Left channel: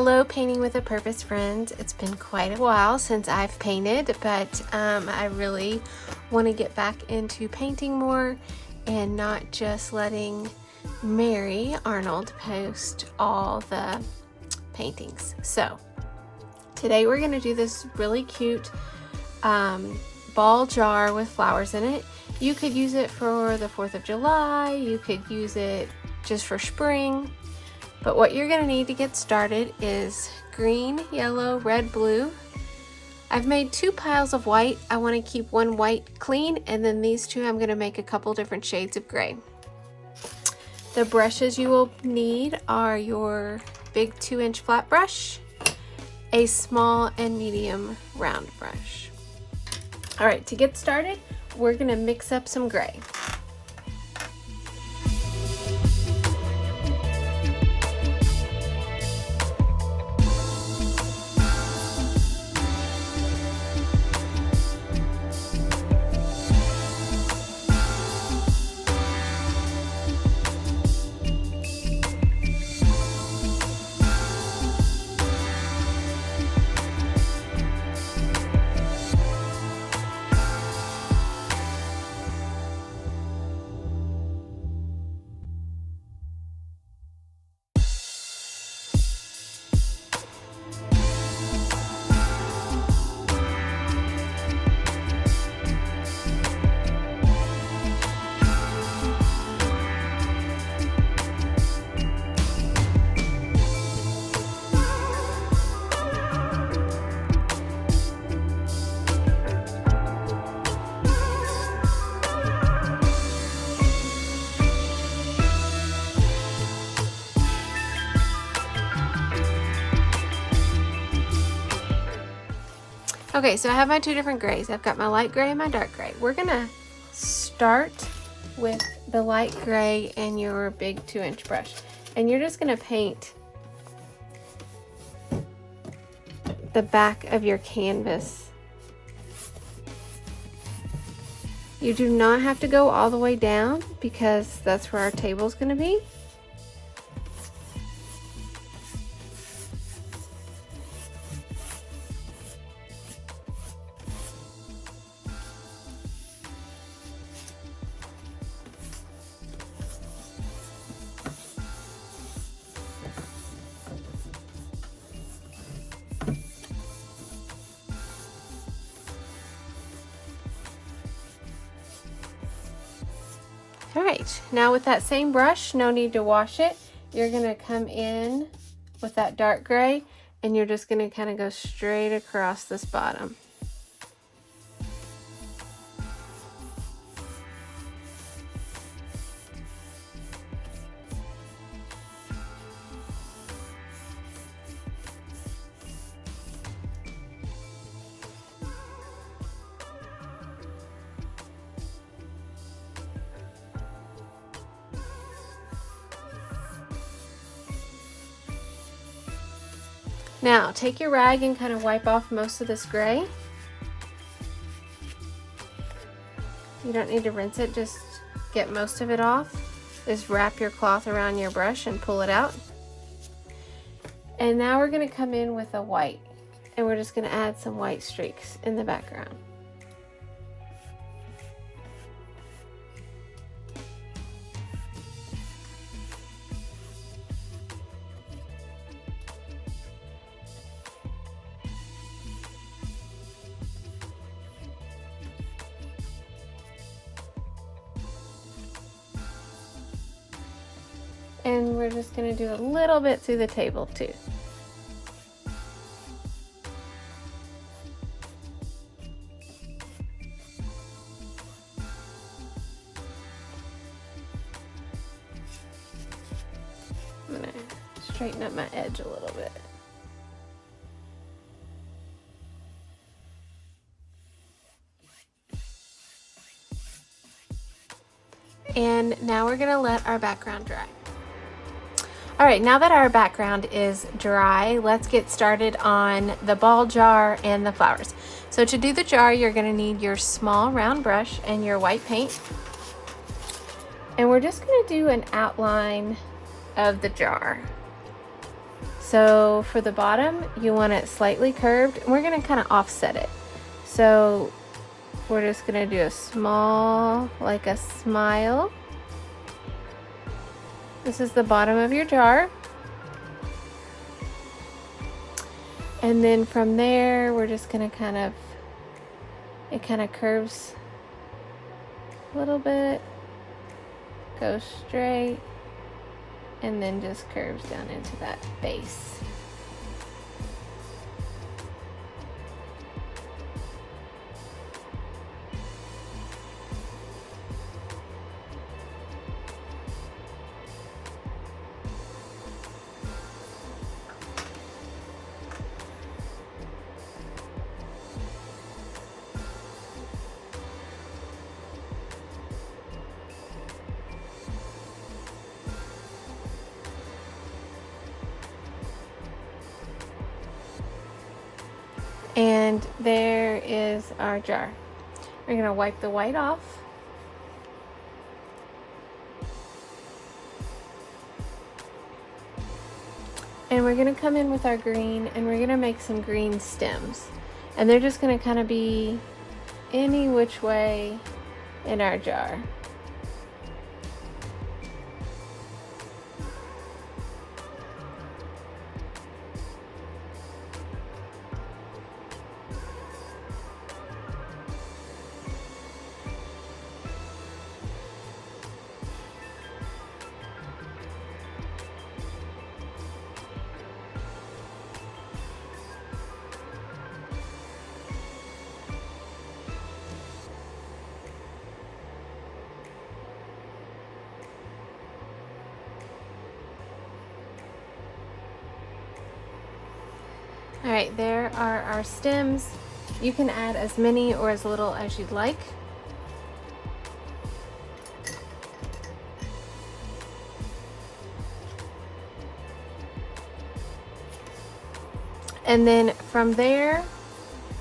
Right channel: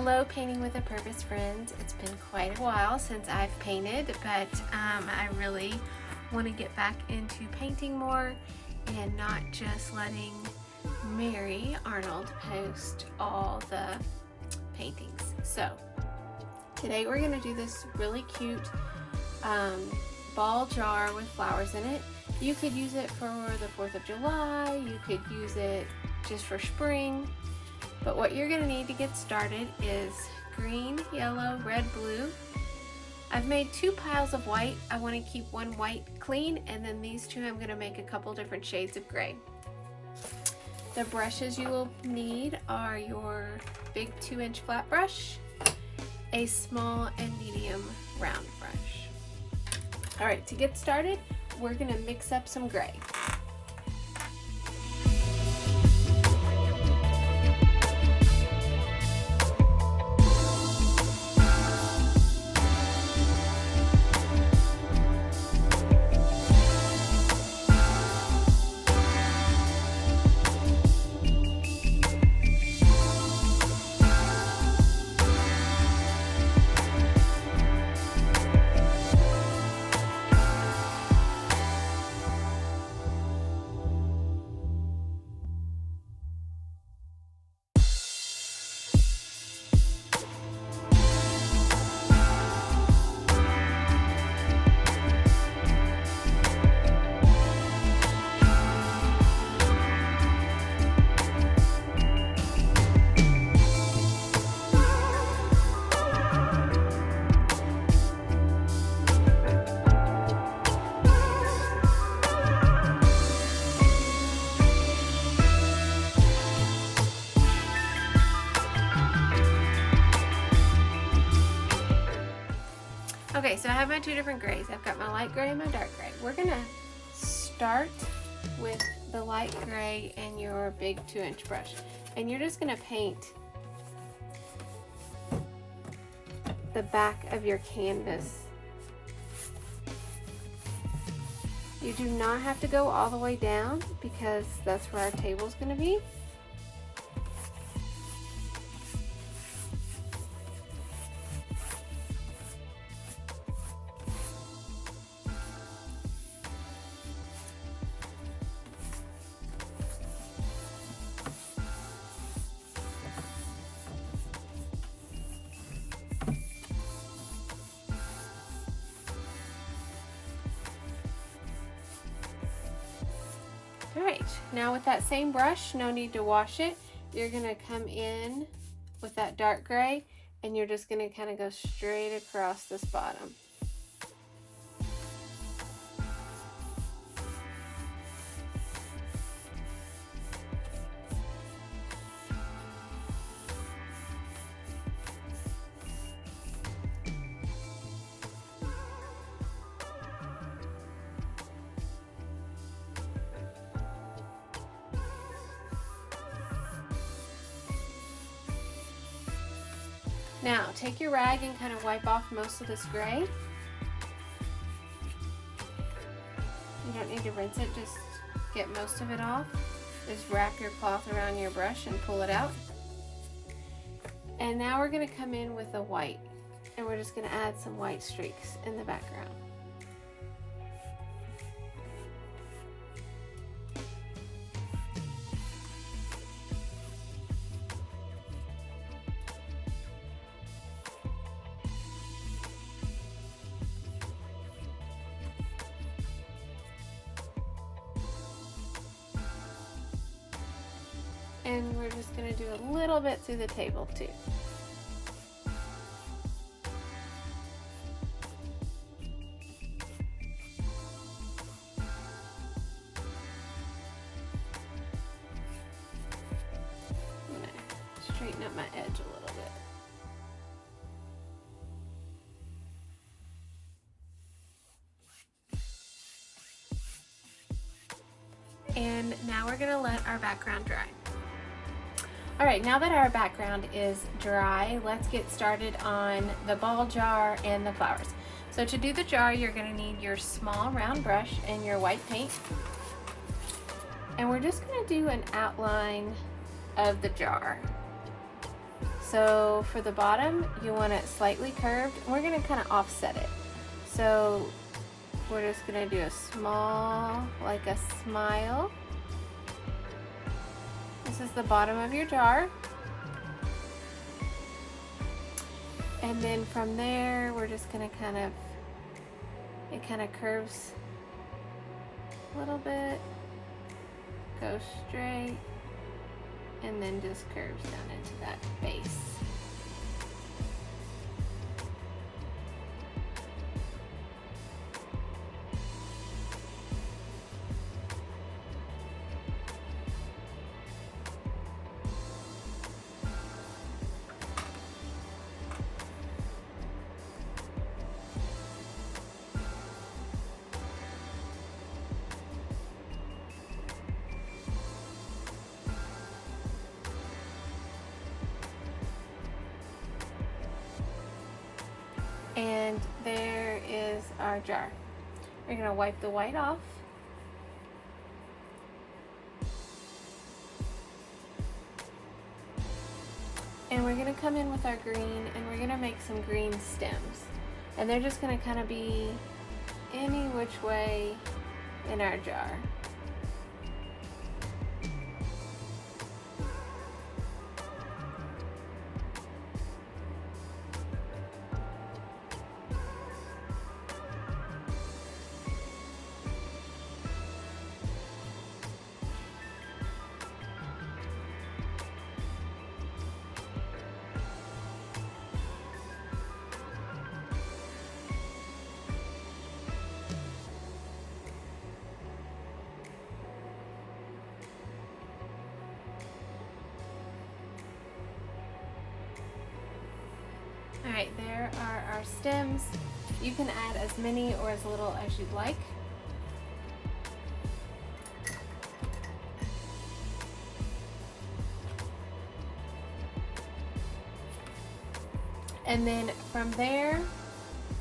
Hello Painting with a Purpose friends. It's been quite a while since I've painted, but I really want to get back into painting more and not just letting Mary Arnold post all the paintings. So today we're going to do this really cute ball jar with flowers in it. You could use it for the 4th of July, you could use it just for spring. But what you're going to need to get started is green, yellow, red, blue. I've made 2 piles of white. I want to keep one white clean, and then these 2 I'm going to make a couple different shades of gray. The brushes you will need are your big 2-inch flat brush, a small and medium round brush. Alright, to get started, we're going to mix up some gray. Okay, so I have my 2 different grays. I've got my light gray and my dark gray. We're gonna start with the light gray and your big 2-inch brush. And you're just gonna paint the back of your canvas. You do not have to go all the way down because that's where our table's gonna be. Alright, now with that same brush, no need to wash it, you're going to come in with that dark gray and you're just going to kind of go straight across this bottom. Now, take your rag and kind of wipe off most of this gray. You don't need to rinse it, just get most of it off. Just wrap your cloth around your brush and pull it out. And now we're going to come in with a white, and we're just going to add some white streaks in the background. And we're just going to do a little bit through the table too. I'm going to straighten up my edge a little bit. And now we're going to let our background dry. Alright, now that our background is dry, let's get started on the ball jar and the flowers. So to do the jar, you're going to need your small round brush and your white paint. And we're just going to do an outline of the jar. So for the bottom, you want it slightly curved, and we're gonna kind of offset it. So we're just gonna do a small, like a smile. This is the bottom of your jar. And then from there, we're just gonna it kind of curves a little bit, goes straight, and then just curves down into that base. And there is our jar. We're gonna wipe the white off. And we're gonna come in with our green, and we're gonna make some green stems. And they're just gonna kind of be any which way in our jar. All right, there are our stems. You can add as many or as little as you'd like. And then from there,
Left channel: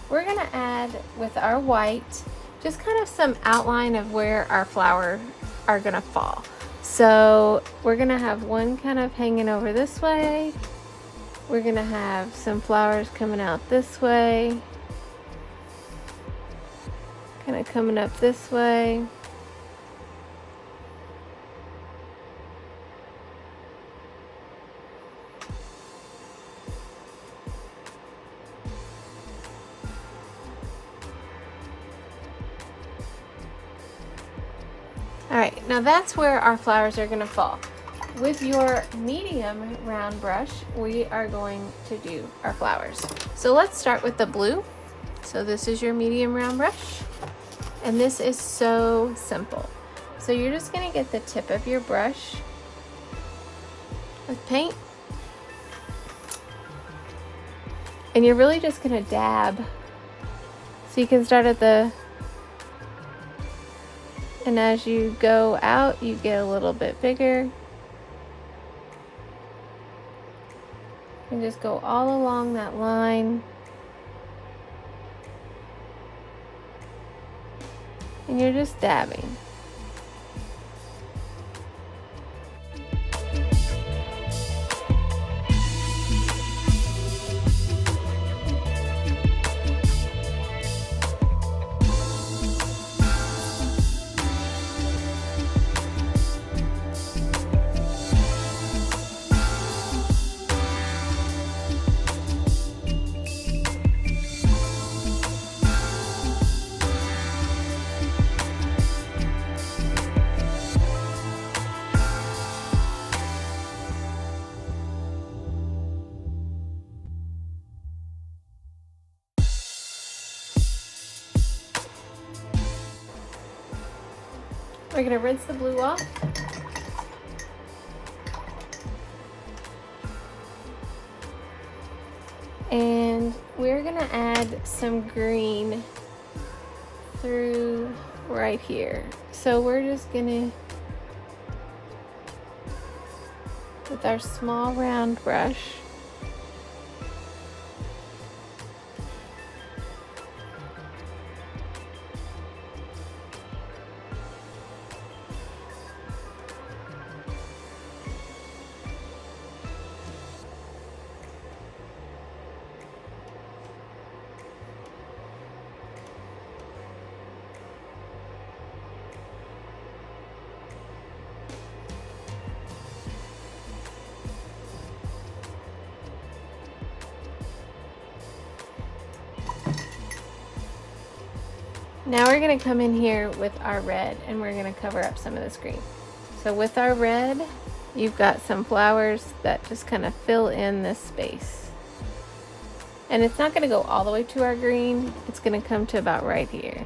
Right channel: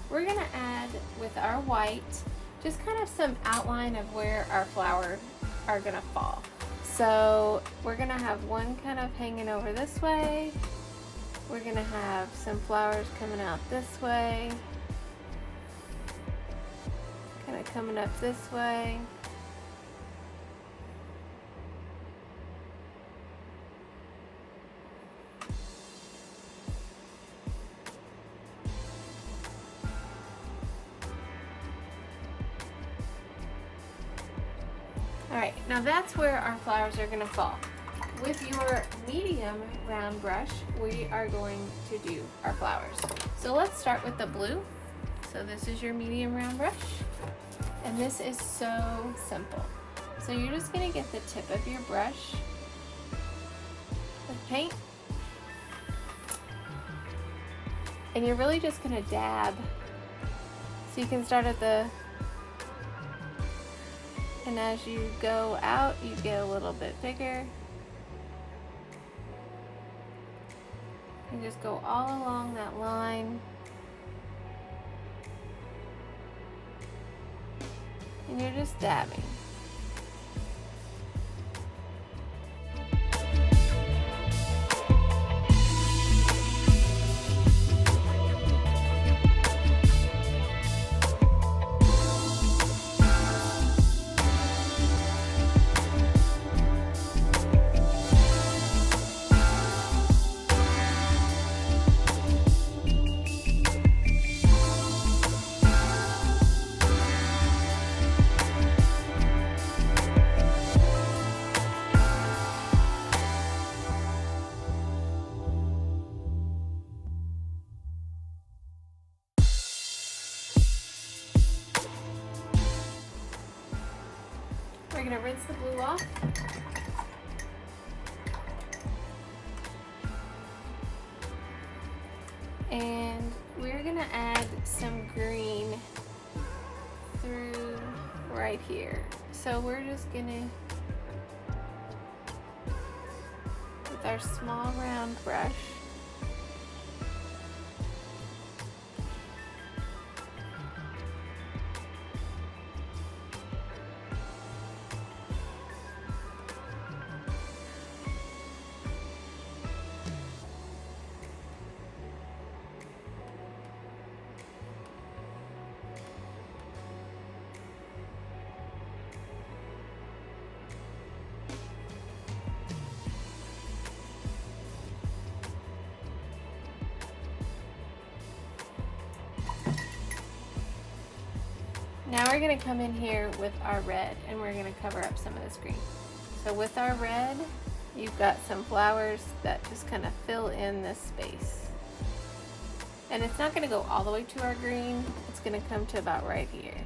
we're gonna add with our white, just kind of some outline of where our flowers are gonna fall. So we're gonna have one kind of hanging over this way. We're gonna have some flowers coming out this way, kind of coming up this way. All right, now that's where our flowers are gonna fall. With your medium round brush, we are going to do our flowers. So let's start with the blue. So this is your medium round brush, and this is so simple. So you're just gonna get the tip of your brush with paint, and you're really just gonna dab. So you can start at the, and as you go out, you get a little bit bigger. And just go all along that line. And you're just dabbing. We're gonna rinse the blue off. And we're gonna add some green through right here. So we're just gonna, with our small round brush, Now we're going to come in here with our red and we're going to cover up some of this green. So with our red, you've got some flowers that just kind of fill in this space. And it's not going to go all the way to our green, it's going to come to about right here.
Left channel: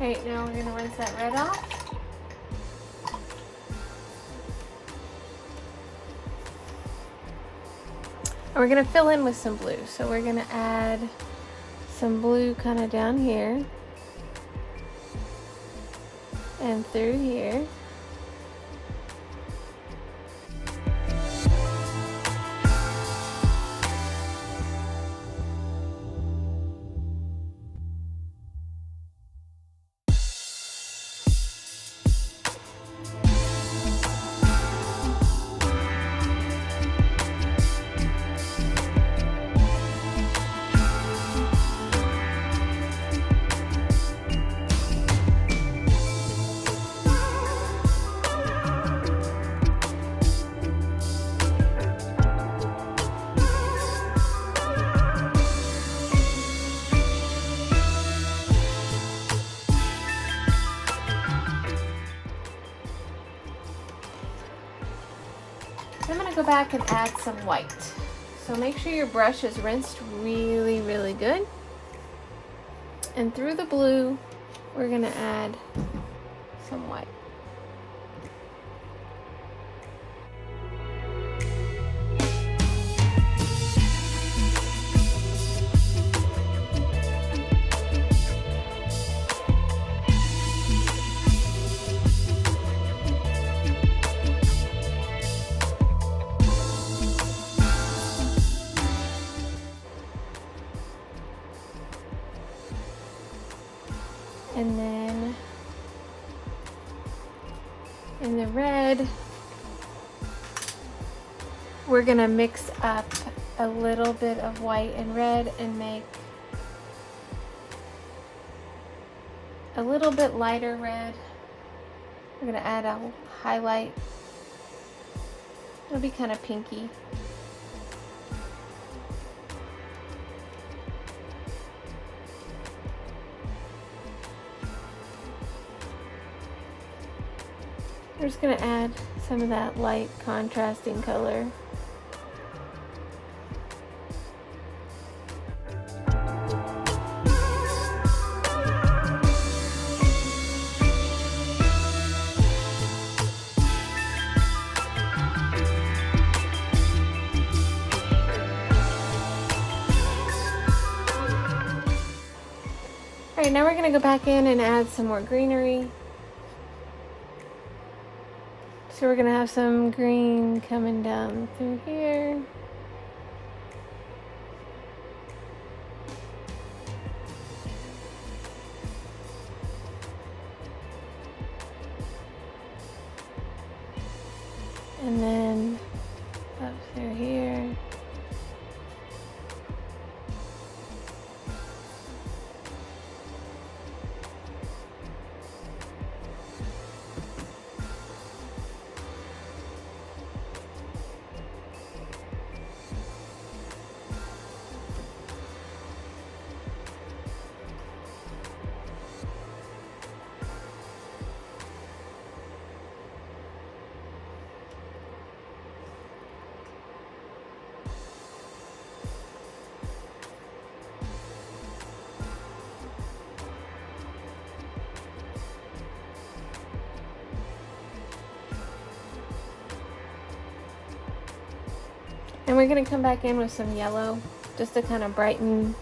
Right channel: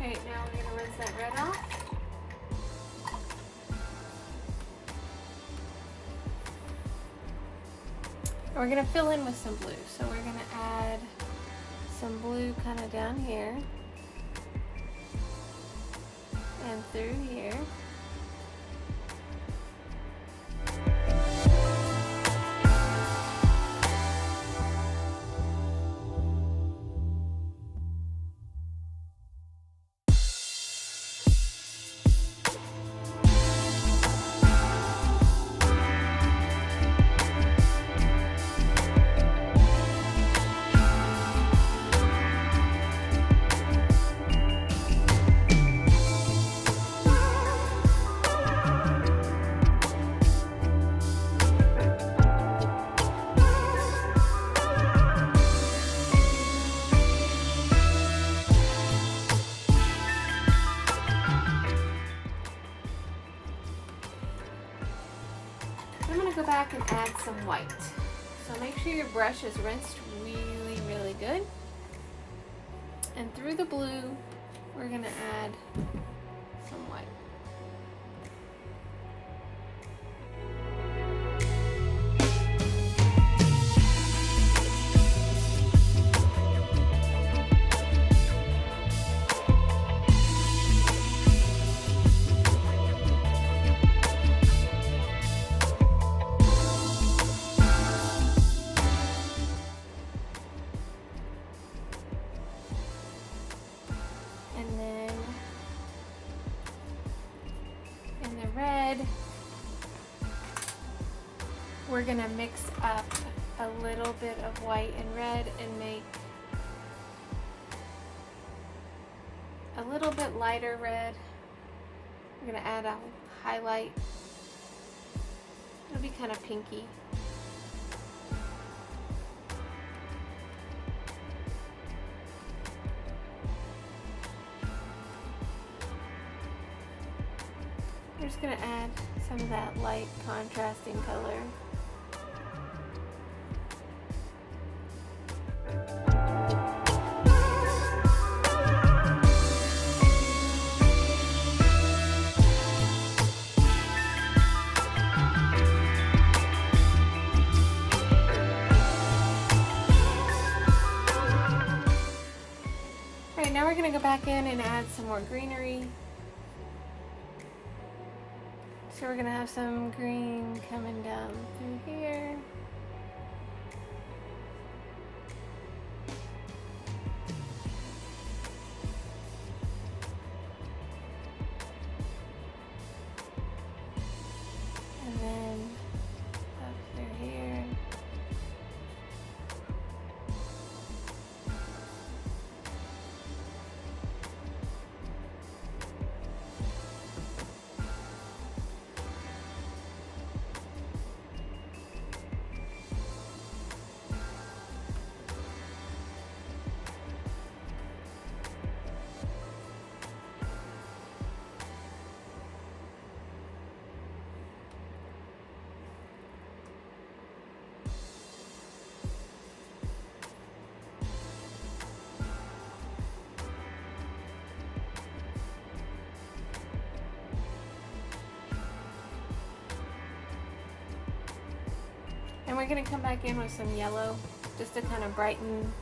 Alright, now we're going to rinse that red off. And we're going to fill in with some blue. So we're going to add some blue kind of down here and through here. I'm going to go back and add some white. So make sure your brush is rinsed really, really good. And through the blue, we're going to add some white. And then in the red, we're gonna mix up a little bit of white and red and make a little bit lighter red. We're gonna add a highlight. It'll be kind of pinky. We're just going to add some of that light contrasting color. Alright, now we're going to go back in and add some more greenery. So we're gonna have some green coming down through here. And then up through here. And we're gonna come back in with some yellow just to kind of brighten.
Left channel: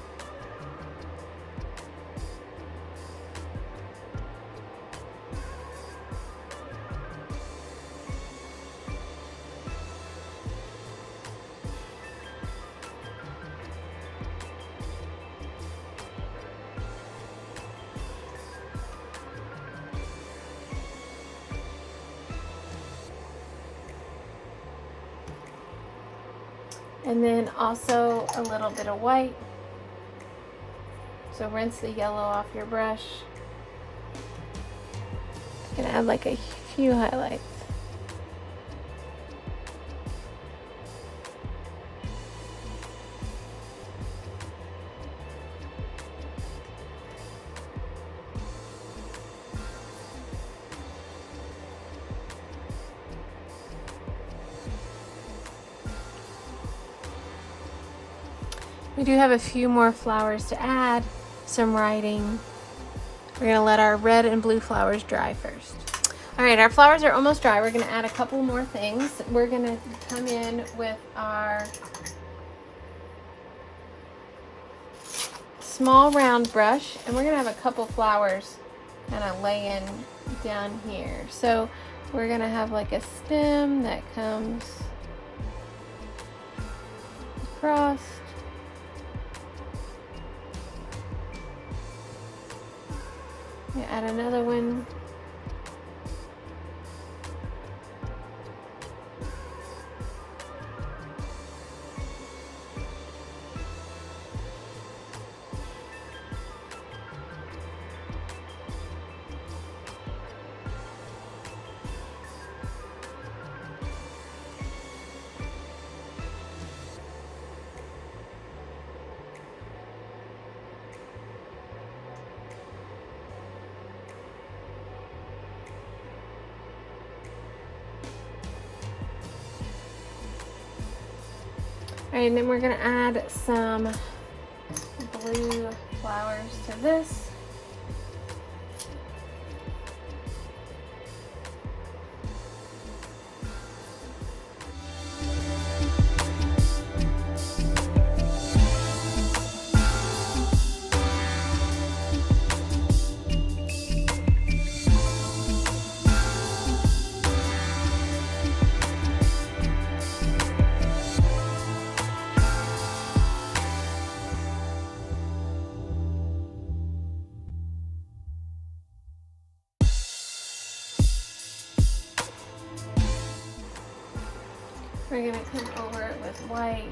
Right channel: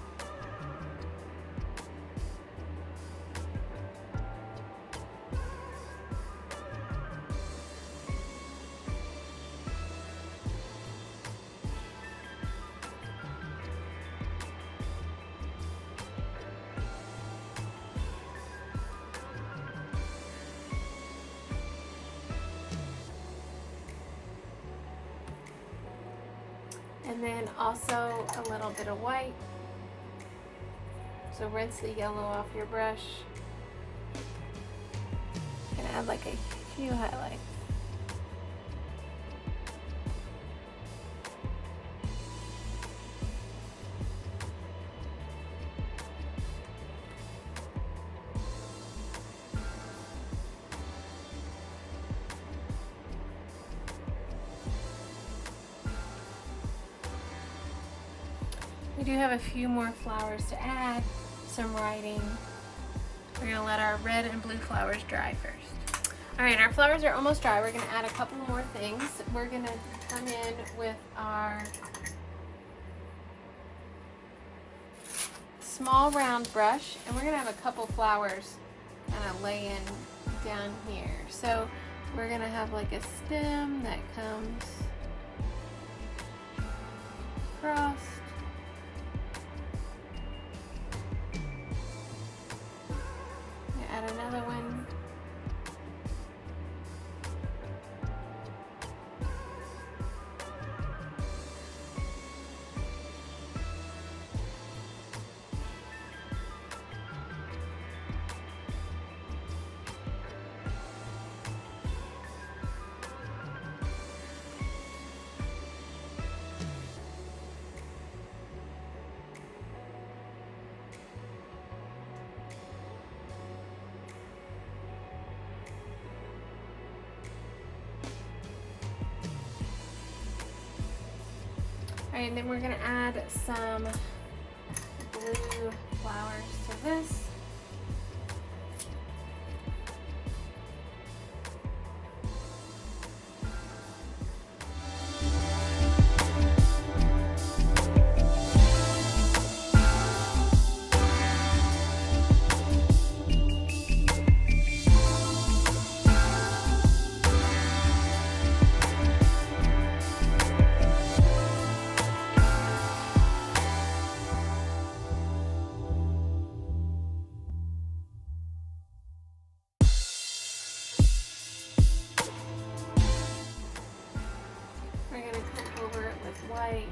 And then also a little bit of white. So rinse the yellow off your brush. You can add like a few highlights. We do have a few more flowers to add, some writing. We're gonna let our red and blue flowers dry first. All right, our flowers are almost dry. We're gonna add a couple more things. We're gonna come in with our small round brush, and we're gonna have a couple flowers kind of laying down here. So we're gonna have like a stem that comes across. Add another one. All right, and then we're gonna add some blue flowers to this. We're going to come over it with white.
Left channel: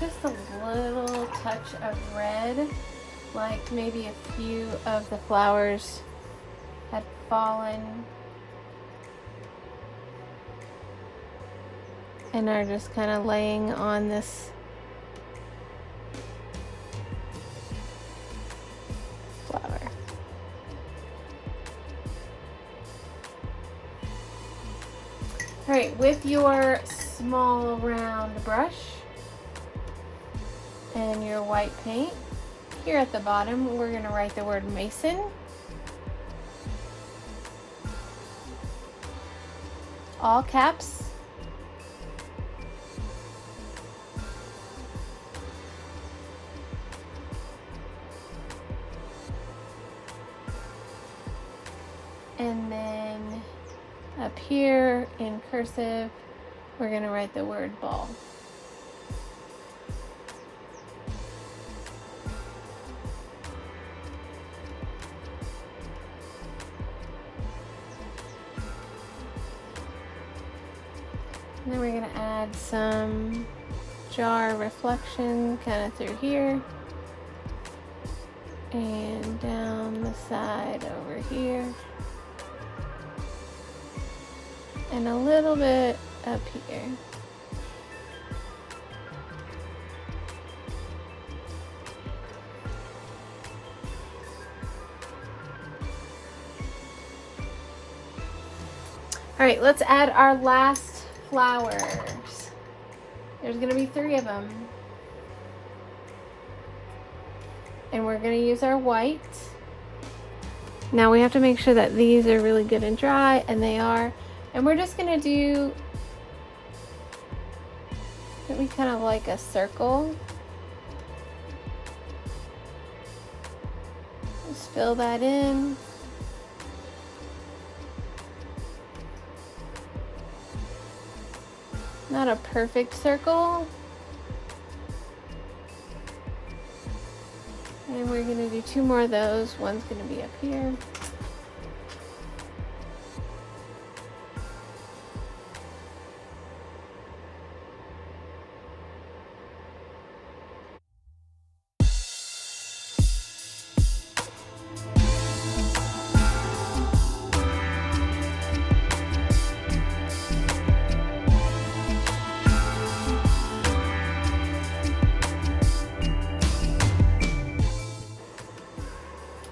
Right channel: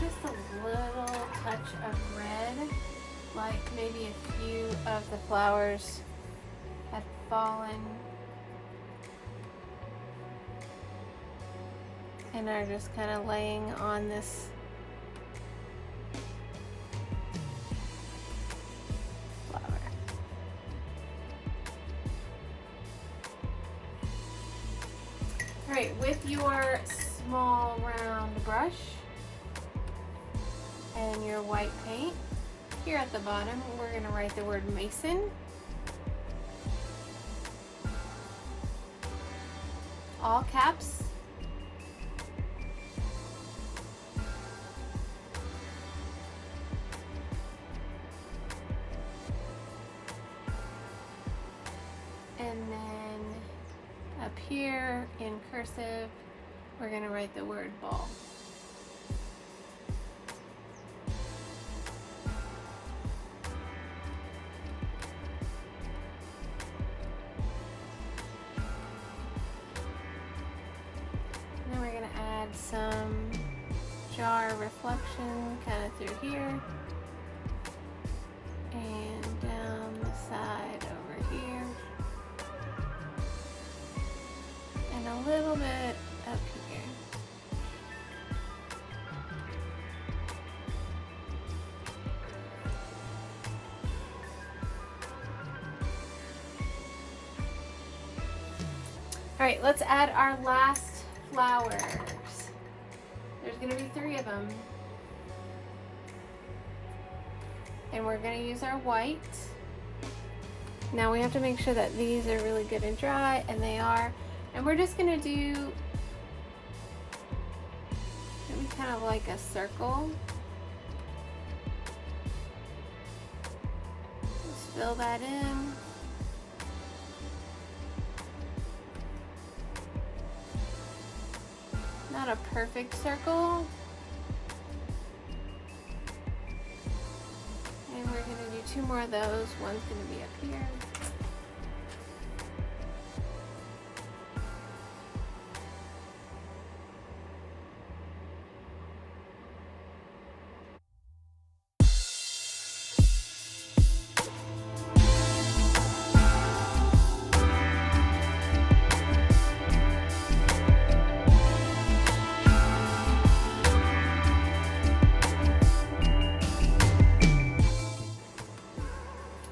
Just a little touch of red, like maybe a few of the flowers had fallen and are just kind of laying on this flower. All right, with your small round brush and your white paint, here at the bottom we're going to write the word Mason. All caps. And then up here in cursive we're going to write the word ball. And then we're going to add some jar reflection kind of through here and down the side over here and a little bit up here. All right, let's add our last flowers. There's gonna be 3 of them. And we're gonna use our white. Now we have to make sure that these are really good and dry, and they are. And we're just gonna do, maybe kind of like a circle. Just fill that in. Not a perfect circle. And we're gonna do 2 more of those. One's gonna be up here.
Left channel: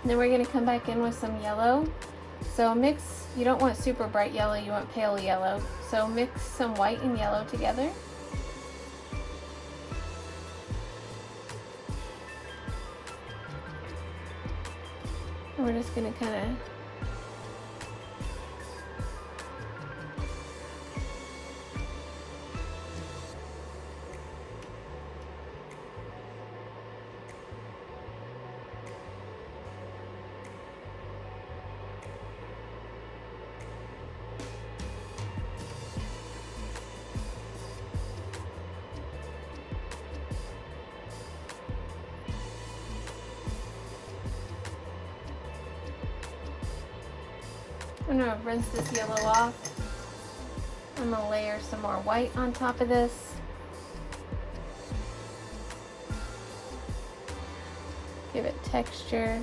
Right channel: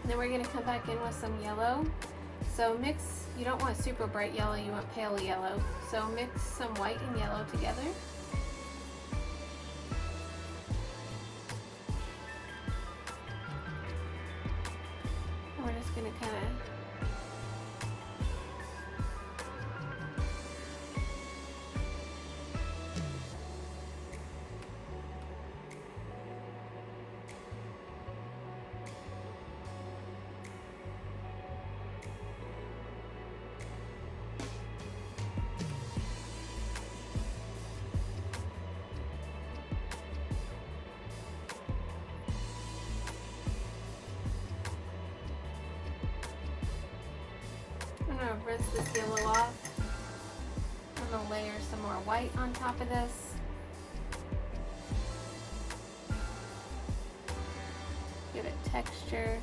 Then we're going to come back in with some yellow. So mix, you don't want super bright yellow, you want pale yellow. So mix some white and yellow together. And we're just going to kind of I'm going to rinse this yellow off. I'm going to layer some more white on top of this. Give it texture.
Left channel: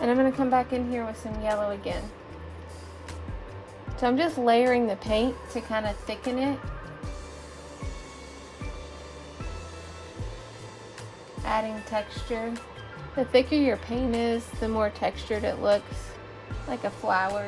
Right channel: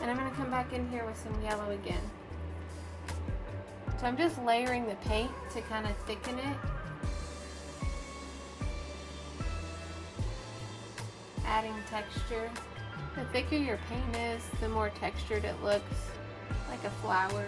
And I'm going to come back in here with some yellow again. So I'm just layering the paint to kind of thicken it. Adding texture. The thicker your paint is, the more textured it looks, like a flower.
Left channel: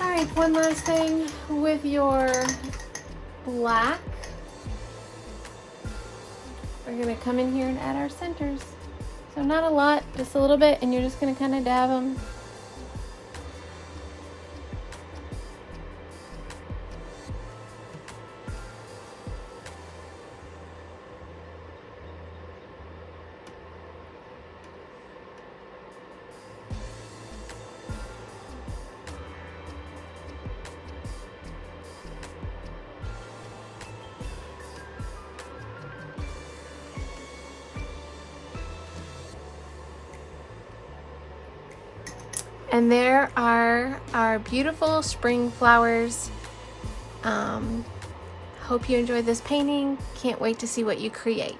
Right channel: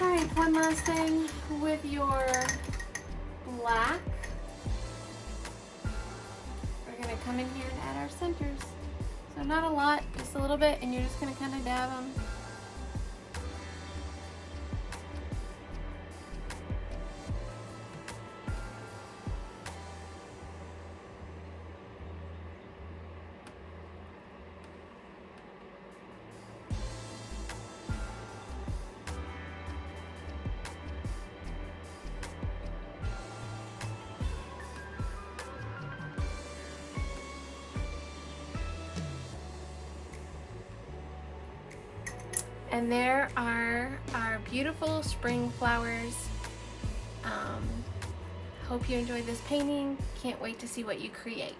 Alright, one last thing with your black. We're going to come in here and add our centers. So not a lot, just a little bit, and you're just going to kind of dab them. And there are our beautiful spring flowers. Hope you enjoyed this painting. Can't wait to see what you create.